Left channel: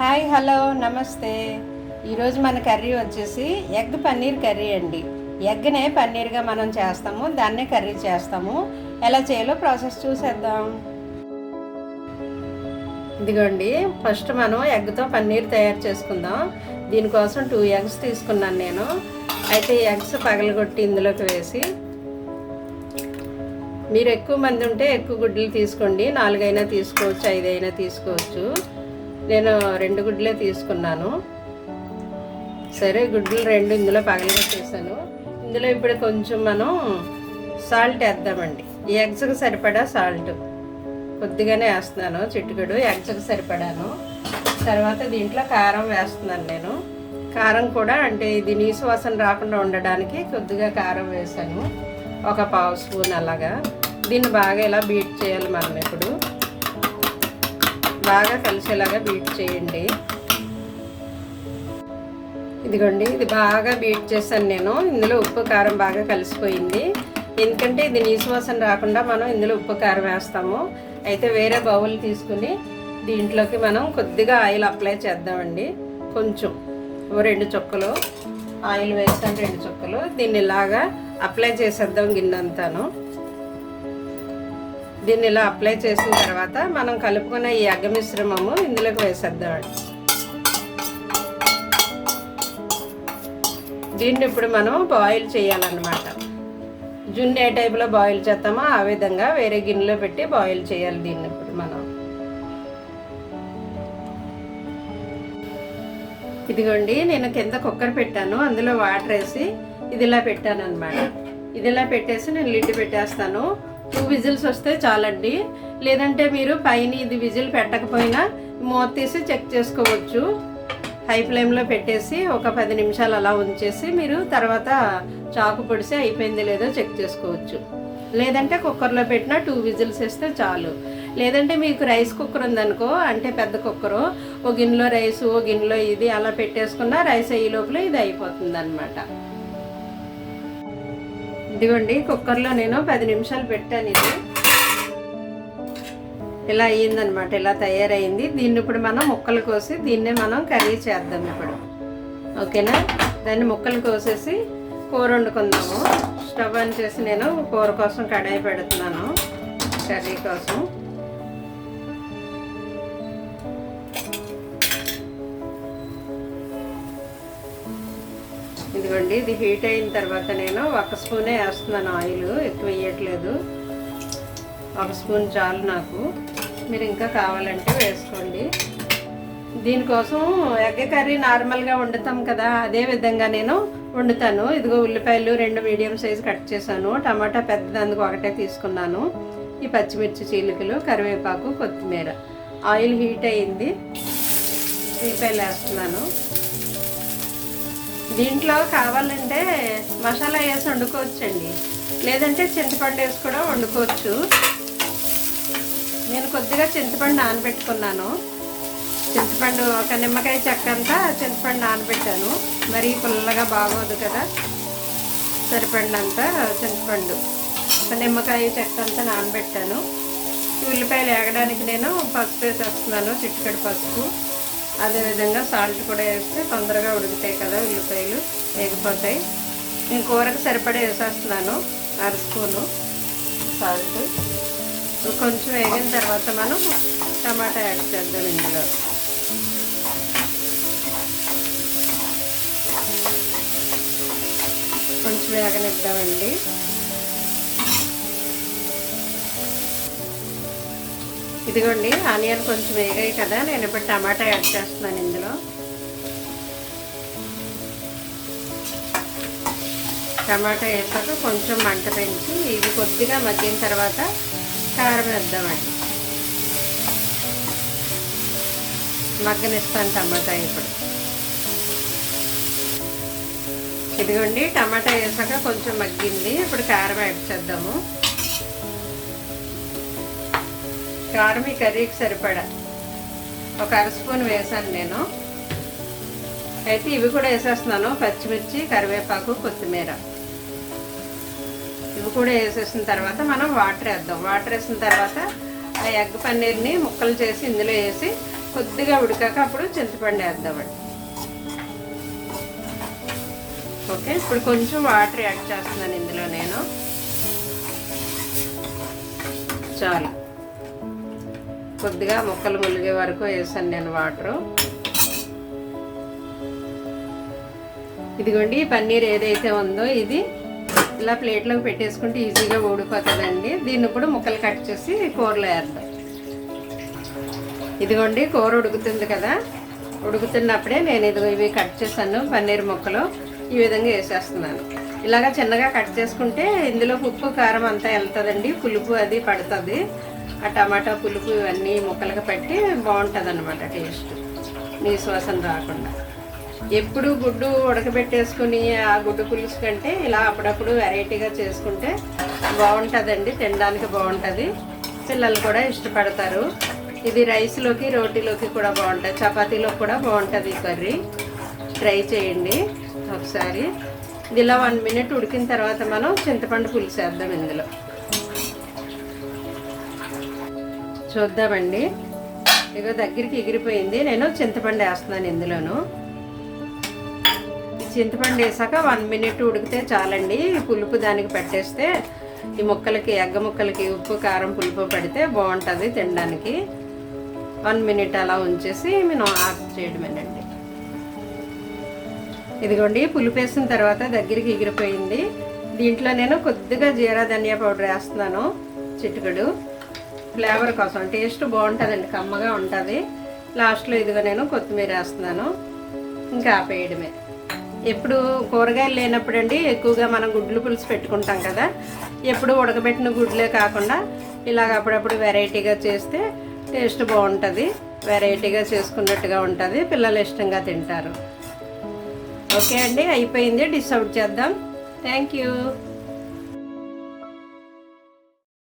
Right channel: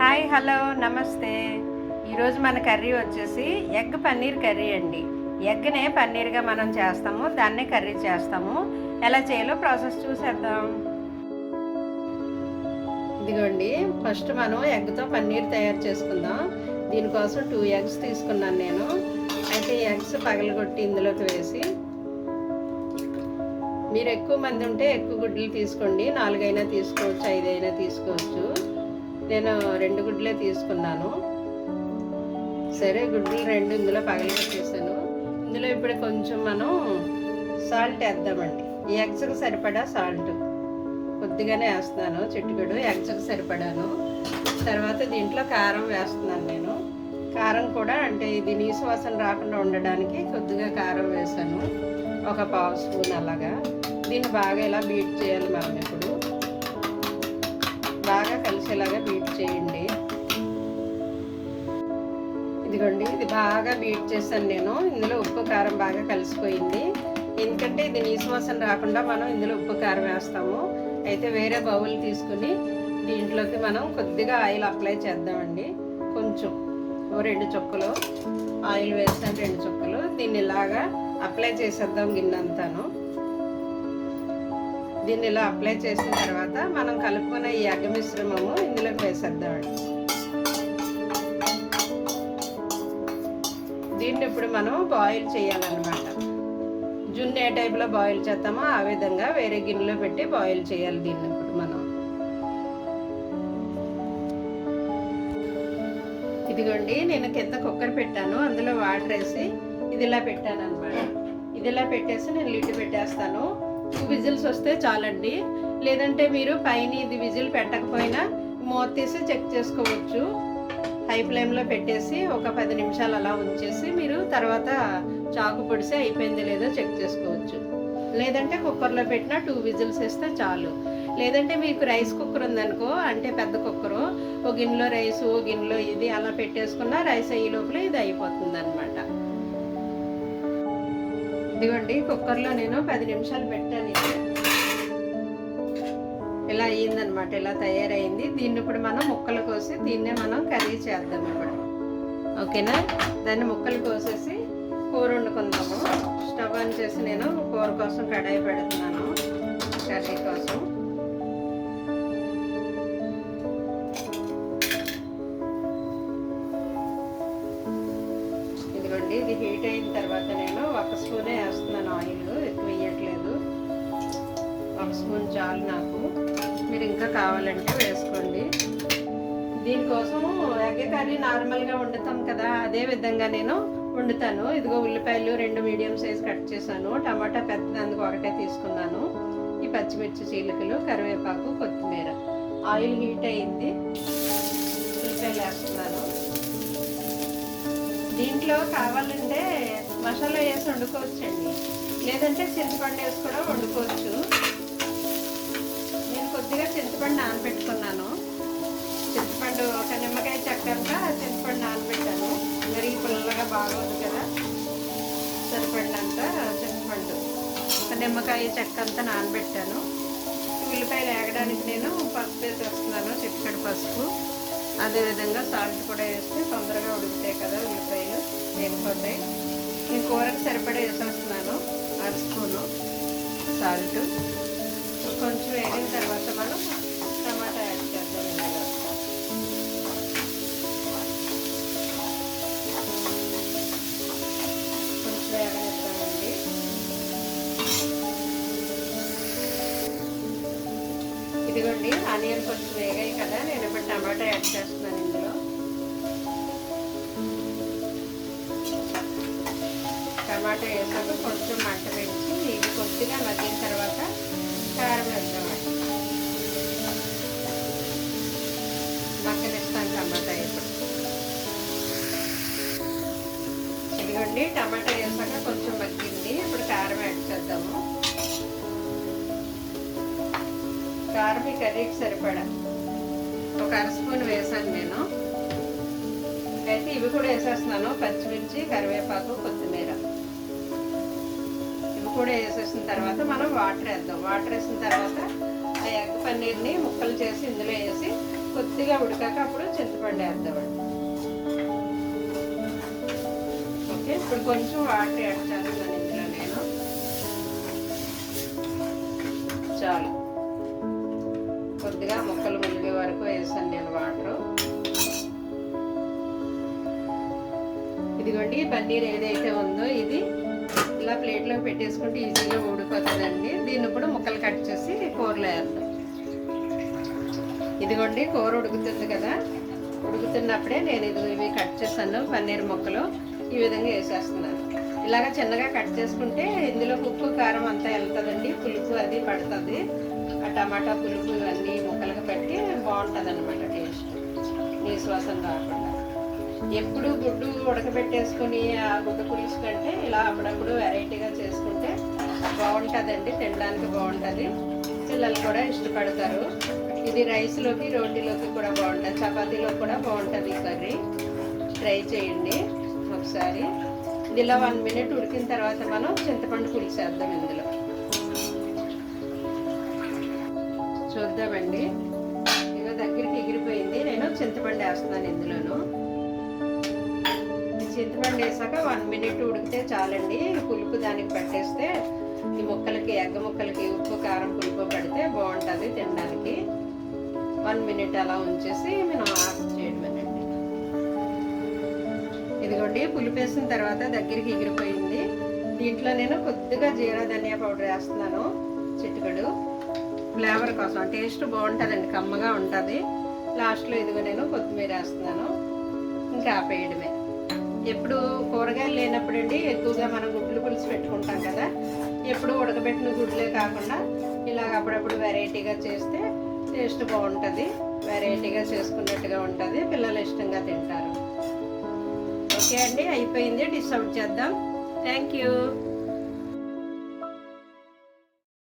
Hi hello నమస్తే. ఈరోజు మన కర్రీ వచ్చేసి ఎగ్ పన్నీర్ కర్రీ అండి. ఎగ్నే పన్నీర్గా మనం చేస్తాము, దాన్నే కర్రీ చేస్తాము. ఎలా చేయాలో ప్రాసెస్ చూసేద్దాం. ఇదిగోండి, ఫస్ట్ మనం ఎగ్తో పన్నీర్ తయారు చేసుకుందాం. దీనికోసం 2 ఎగ్స్ తీసుకున్నాను నేను. అయితే ఈ ఎగ్స్ పగలగొట్టి ఇందులోకి వేసి, మీరు ఎక్కువ మంది ఉంటే ఎక్కువ గుడ్లు తీసుకోండి, 4 అయినా తీసుకోవచ్చు, 5 అయినా తీసుకోవచ్చు. నేను 2 గుడ్లే తీసుకున్నాను. సరే, గుడ్లు 2 ఇందులో పగలగొట్టేసాను. ఇందులో ఇప్పుడు కొంచెం మనం సాల్ట్ వేద్దామండి. ఈ ఎగ్స్కి సరిపడా సాల్ట్ కొద్దిగానే వేస్తున్నాను, చిటికెడు ఎగ్స్కి సరిపడాను. తర్వాత దీంట్లో కారం వేస్తున్నాను నేను. కారం కూడా అంటే ఇది నీసు వాసన రాకుండా ఉండడానికి కొద్దిగా కారం వేసాను, ఒక 1/2 స్పూన్ అలాగా. దీన్ని బాగా ఇలా బీట్ చేయాలి మనం. ఇప్పుడు బాగా కలిసేలాగా బీట్ చేయండి. ఇదిగోండి, ఇది బాగా బీట్ చేశాను నేను. ఇందులో ఉప్పు కారం బాగా కలిసిపోయింది. ఎందుకంటే ఇది నీసు వాసన రాకుండా మనం ఇందులో ఉప్పు కారం వేస్తాము. అయితే వేరే బౌల్ తీసుకుని దీంట్లోకి మనం కొద్దిగా ఆయిల్ అప్లై చేద్దామండి. కొంచెం 2 చుక్కలు ఆయిల్ వేస్తాను, 2 చుక్కలు. దీన్ని ఇలాగా అప్లై చేసేద్దాం గిన్నెంతాను. దీన్ని ఇలా అప్లై చేసిన తర్వాత మనం కలుపుకున్న ఈ ఎగ్ మిశ్రమము ఇందులోకి వేసేద్దామండి. దీన్ని ఇప్పుడు మనం బాయిల్ చేయాలన్నమాట. జున్ను ఏ టైప్లో బాయిల్ చేస్తామో ఆ విధంగా వేరే గిన్నెలో పెట్టి బాయిల్ చేయాలి దీన్ని ఇప్పుడు మనం. ఇదిగోండి, నేను కింద కుక్కర్ పెట్టాను, అందులో వాటర్ వేసి ఇది ఇలా పెట్టాను అనమాట. ఇది ఇలా పెట్టేసి నేను లిడ్ పెట్టేస్తాను. 2 విజిల్స్ వస్తే చాలండి. లేదంటే మీరు పైన ఇది విజిల్ పెట్టకపోయినా మూత తీసి చెక్ చేసుకోవచ్చు. హై ఫ్లేమ్లో పెట్టేసి ఒక 10 నిమిషాలు అలా ఉంచేసి మీరు తర్వాత చాకు పొడిసి అయిపోయింది లేదో చెక్ చేసుకోవచ్చు. లేదంటే కుక్కర్లో పెట్టినా 2 విజిల్స్ వేస్తే చాలు. లేదంటే మీకు రైస్ కుక్కర్ ఉందనుకో, అంటే పెద్ద కుక్కరు, ఓ గిన్నెలో రైస్, ఓ గిన్నెలో ఇది అలా పెట్టేసుకున్న రైస్ అయ్యే లోపల ఇది అయిపోతుంది అనమాట. ఇదిగోండి, కుక్కర్లో నేను 10 నిమిషాలు పెట్టాను. ఇది ఇలా అయ్యిందనమాట, ఇలా తయారైంది. దీన్ని ఇప్పుడు మనం ముక్కలు కోసి దీన్నే మనం కర్రీ చేద్దాం ఇప్పుడు. ఓకేనా? దాన్ని ముక్కలు కోసేసి కూర వండుకుందాము. స్టవ్ ఆన్ చేసి నేను కూర కోసం కడాయి పెడుతున్నాను, కర్రీ కోసం. ఇదిగోండి, ఇది హీట్ అయిన తర్వాత నేను 1 స్పూనే వేస్తున్నాను ఆయిల్, ఎక్కువ వేయట్లేదు. 1 స్పూన్ చాలు నాకు. మీరు ఇంకా కావాలంటే వేసుకోండి. దీనికోసం ఎగ్ కర్రీ నార్మల్గా వండుతాం కదా, అదే విధంగా నేను వండుతాను. ఇదిగో ఉల్లిపాయలు 2 మీడియం సైజు కట్ చేశాను, టమాటా పెద్దదందుకు 1 తీసుకున్నాను, ఈ పచ్చిమిర్చి చీలికలు, కరివేపాకు, కొత్తిమీర. ఆయిల్ హీట్ అయింది, ఉల్లిపాయలు వేస్తున్నాను. దీంట్లో కావాలంటే మసాలా వేసి వండుకోవచ్చండి, లేదంటే చింతపండు వేసి కూడా వండుకోవచ్చు. నేను కొద్దిగా చింతపండు నానబెట్టుకున్నాను. చింతపండు ఒక నిమ్మకాయ చెక్క అంతా చింతపండు నానబెట్టాను. మరీ పుల్లగా బాగోదు కదా, సరిపడినంత చింతపండు ఒక నిమ్మకాయ చెక్క అంతా నానబెట్టాను. ఉల్లిపాయలు వేగడానికి నేను పసుపు వేసేస్తున్నాను, చిటికెడు పసుపు. అదేవిధంగా సాల్ట్ కూడా వేస్తే తొందరగా ఉడుకుతాయి కదా, ఉల్లిపాయలు వేగిపోతాయి. నేను కూరకు సరిపడా వేసేస్తున్నాను 1/2 స్పూను సాల్ట్. కొంచెం వేగిన తర్వాత మనం టమాటా యాడ్ చేద్దాం. ఇందులో కొంచెం వేగనిద్దామండి. ఇదిగోండి, ఆనియన్ కొంచెం వేగాయి కదా, నేను ఇప్పుడు టమాటా యాడ్ చేస్తున్నాను ఇందులో. టమాటా వేసాక కొంచెం మంట పెంచి ఇది కొద్దిగా మగ్గిన తర్వాత కారం వేద్దామండి. మగ్గనిస్తాను టమాటా ఇప్పుడు. ఇదిగోండి, టమాటా వేసాక కొంచెం మగ్గింది, ఇప్పుడు కారం యాడ్ చేద్దాము. కారం ఈ కర్రీకి సరిపడా ఒక 1/2 స్పూన్ వేసాను నేను. అయితే ఇవి కూడా వేసేస్తున్నాను, పచ్చిమిర్చి, కరివేపాకు, కొత్తిమీర. ఇవి కూడా వేసేసిన తర్వాత మనం వాటర్ వేద్దాం. వాటర్ వేసిన తర్వాత ఆ ఎగ్ పన్నీర్ని ముక్కలు చేసి ఇందులో వేసి కొద్దిగా ఉడికాక అప్పుడు చింతపండు వేద్దామండి. ఓకే, ఇప్పుడు కొంచెం వాటర్ యాడ్ చేస్తున్నాను ఇందులో నేను. చాలు, కొద్దిగా ముక్కలు ములిగే వరకు వేసాను నేను వాటరు. ఇదిగోండి, ఈ పన్నీర్ ఏదైతే ఉందో ఇది ఇలా ప్లేట్లోకి పెట్టేసుకుంటే ఈజీగా ఊడిపోతుందండి. దీన్ని ఇప్పుడు ముక్కలు కట్ చేసి కూరలో వేద్దాం. ఇదిగోండి, కూర ఉడుకుతుంది కదా, ఉడుకుతున్నప్పుడే నేను ఇవి కట్ చేశాను పన్నీర్ ముక్కలు. ఈ విధంగా వేసేస్తున్నాను. ఇలాగ చిన్నగా కట్ చేసుకుంటే ఇందులో ఉప్పు కారం అంతా వెళ్తుందండి, పులుపు అది పడుతుంది. ఆ టమాటా పులుపు ఇవన్నీ ముక్కలుగా పెట్టి బాగుంటుంది అన్నమాట టేస్ట్, నీసు వాసన రాకుండా. ఎప్పుడు గుడ్డు ఉడకబెట్టేసుకుని ఆ గుడ్డు పులుసు కంటే ఇలా అప్పుడప్పుడు వెరైటీగా చేసుకుంటే బాగుంటుందండి, తినడానికి బాగుంటుంది. పిల్లలు కూడా ఇష్టపడతారు. ఇది రైస్లోకి రోటీలోకి కూడా బాగుంటుంది, చపాతీలోకి కూడా బాగుంటుంది ఈ కర్రీ. ట్రై చేయండి ఒకసారి. ఇది ఇలా 1 మినిట్ ఉడికిన తర్వాత మనం చింతపండు పులుసు వేద్దాం ఇందులో. చూద్దామండి, ఇదిగో దగ్గరికి ఎగిరిపోయింది. నేను చింతపండు వేస్తున్నాను ఇందులోను. చింతపండు వేసాక 1 మినిట్ ఉడికితే చాలండి. పులుపు దానికి పెట్టేస్తే ఈ ముక్కలకి, ఎగ్గ ముక్కలకి ఉప్పు కారం పులుపు పెడితే బాగుంటుంది తినడానికి. 1 మినిట్ అలా ఉంచేసి మనం ఆఫ్ చేయడమేనండి. ఇదిగోండి, పులుపు వేసిన తర్వాత దగ్గరికి ఎగిరిపోయింది. దీంట్లో నేను కొద్దిగా జీరా ధనియా పౌడర్ వేస్తున్నాను, చిటికెడు, ఫ్లేవర్ కోసం. టేస్ట్ బాగుంటుందండి, కమ్మగా ఉంటుంది. లాస్ట్లో ఇదిగో నేను కొత్తిమీర వేస్తున్నాను. ఇంకా ఆపేయడమే. ఎప్పుడు కూరగాయలు లేనప్పుడు అండి ఎక్కువగా మనం గుడ్లు పులుసు పెట్టుకుంటాం కదా, ఎప్పుడు ఉడకబెట్టిన గుడ్లే కాకుండా ఇలాగ అప్పుడప్పుడు వెరైటీగా చేస్తే టేస్ట్ బాగుంటుంది. వెరైటీగా చేసుకున్నట్టుగా ఉంటుంది, పిల్లలు ఇష్టంగా తింటారు. ఓకే అండి, అయిపోయింది. డిష్ అవుట్ చేద్దాం. Thank you.